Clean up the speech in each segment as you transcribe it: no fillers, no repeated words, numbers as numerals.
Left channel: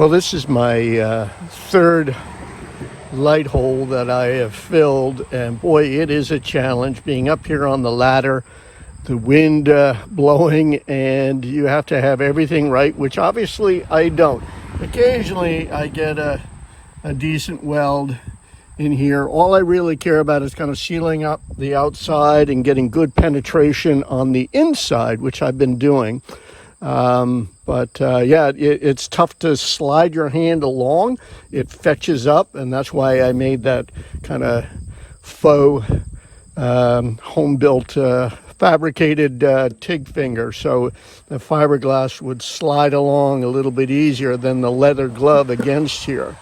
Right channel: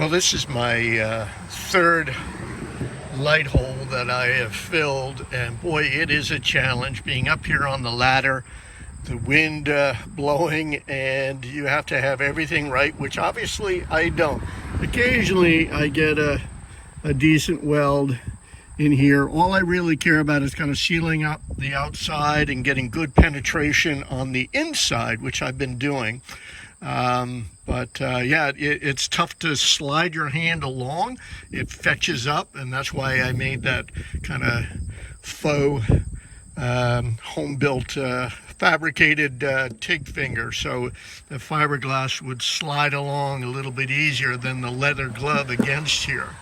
Well, this is my third light hole that I have filled, and boy, it is a challenge being up here on the ladder, the wind blowing, and you have to have everything right, which obviously I don't. Occasionally I get a decent weld in here. All I really care about is kind of sealing up the outside and getting good penetration on the inside, which I've been doing. Yeah, it's tough to slide your hand along. It fetches up, and that's why I made that kind of faux home-built fabricated TIG finger, so the fiberglass would slide along a little bit easier than the leather glove against here.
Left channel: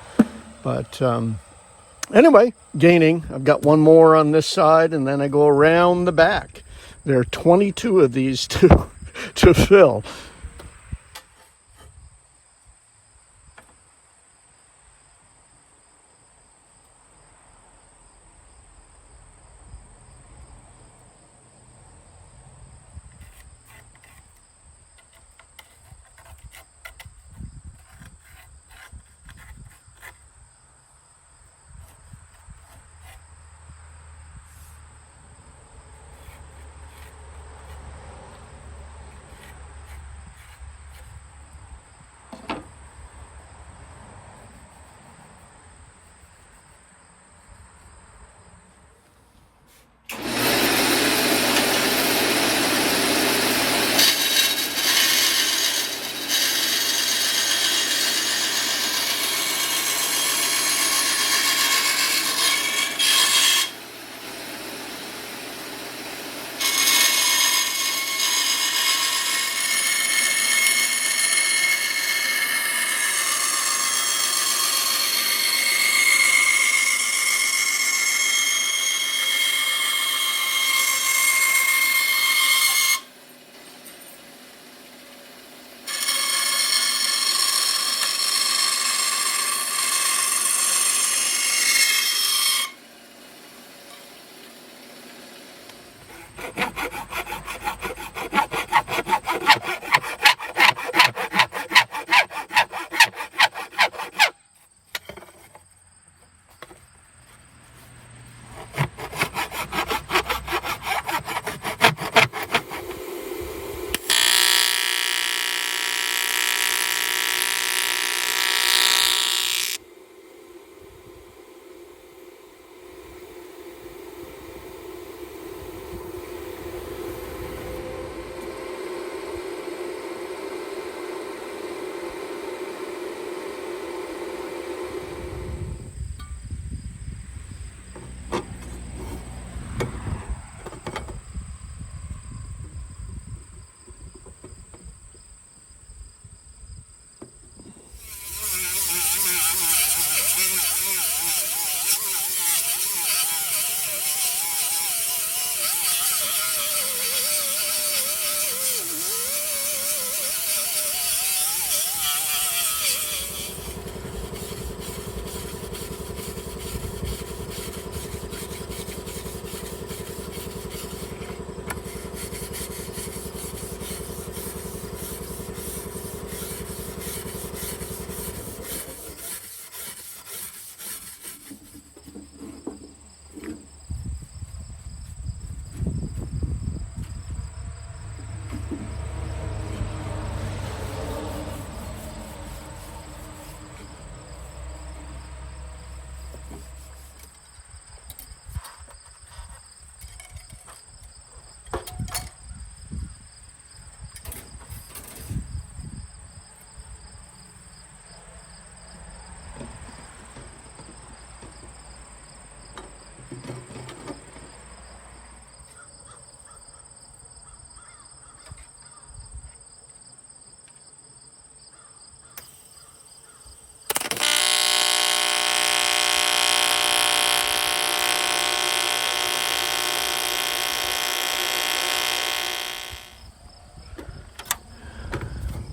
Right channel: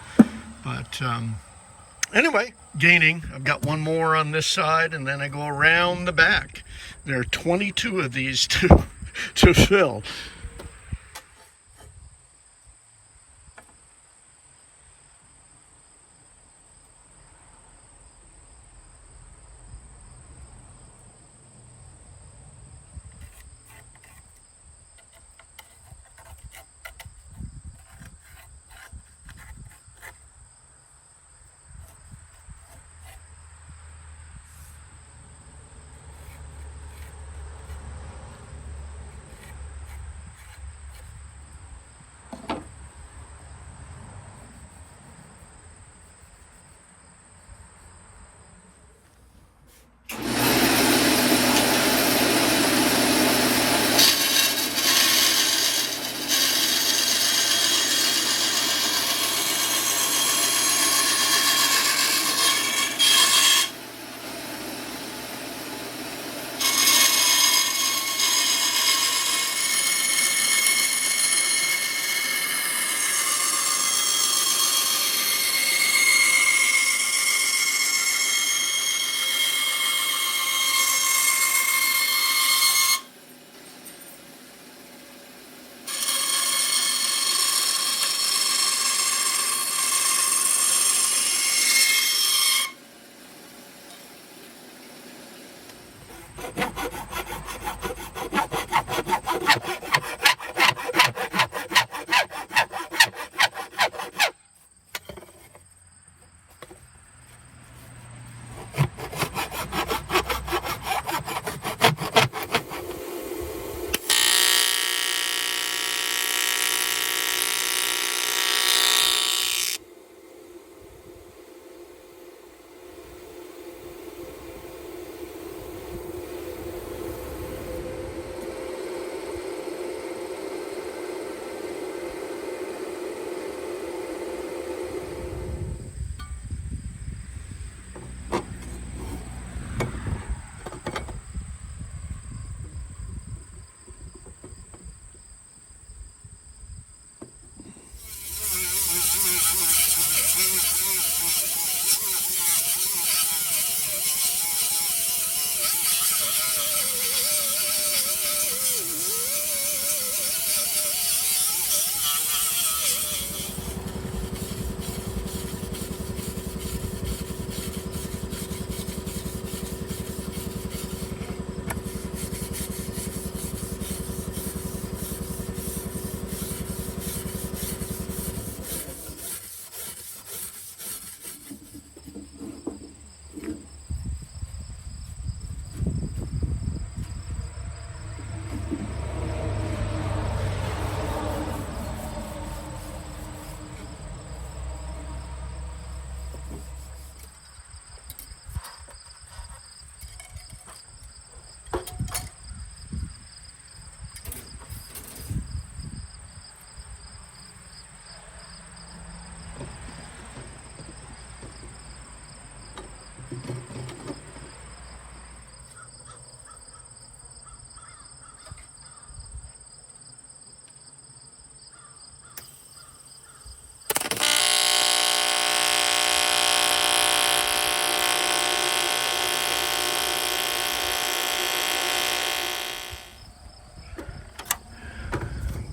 But anyway, gaining. I've got one more on this side, and then I go around the back. There are 22 of these to fill.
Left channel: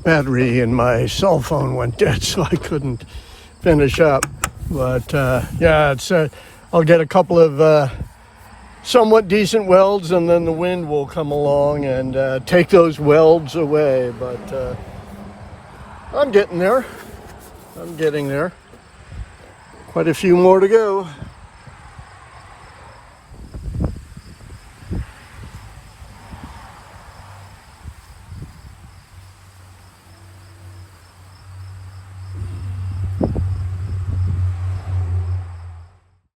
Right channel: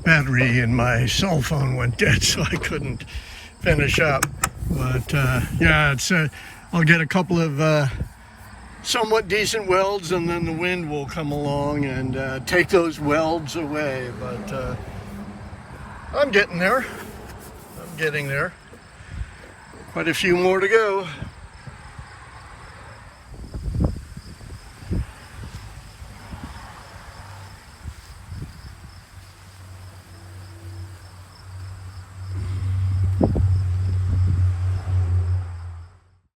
Battery in my cell phone went dead, so I couldn't finish up. But yeah, it's I'll get a couple of somewhat decent welds, and then the wind will come along and take those welds away. But I'm getting there. I'm getting there. Quite a few more to go.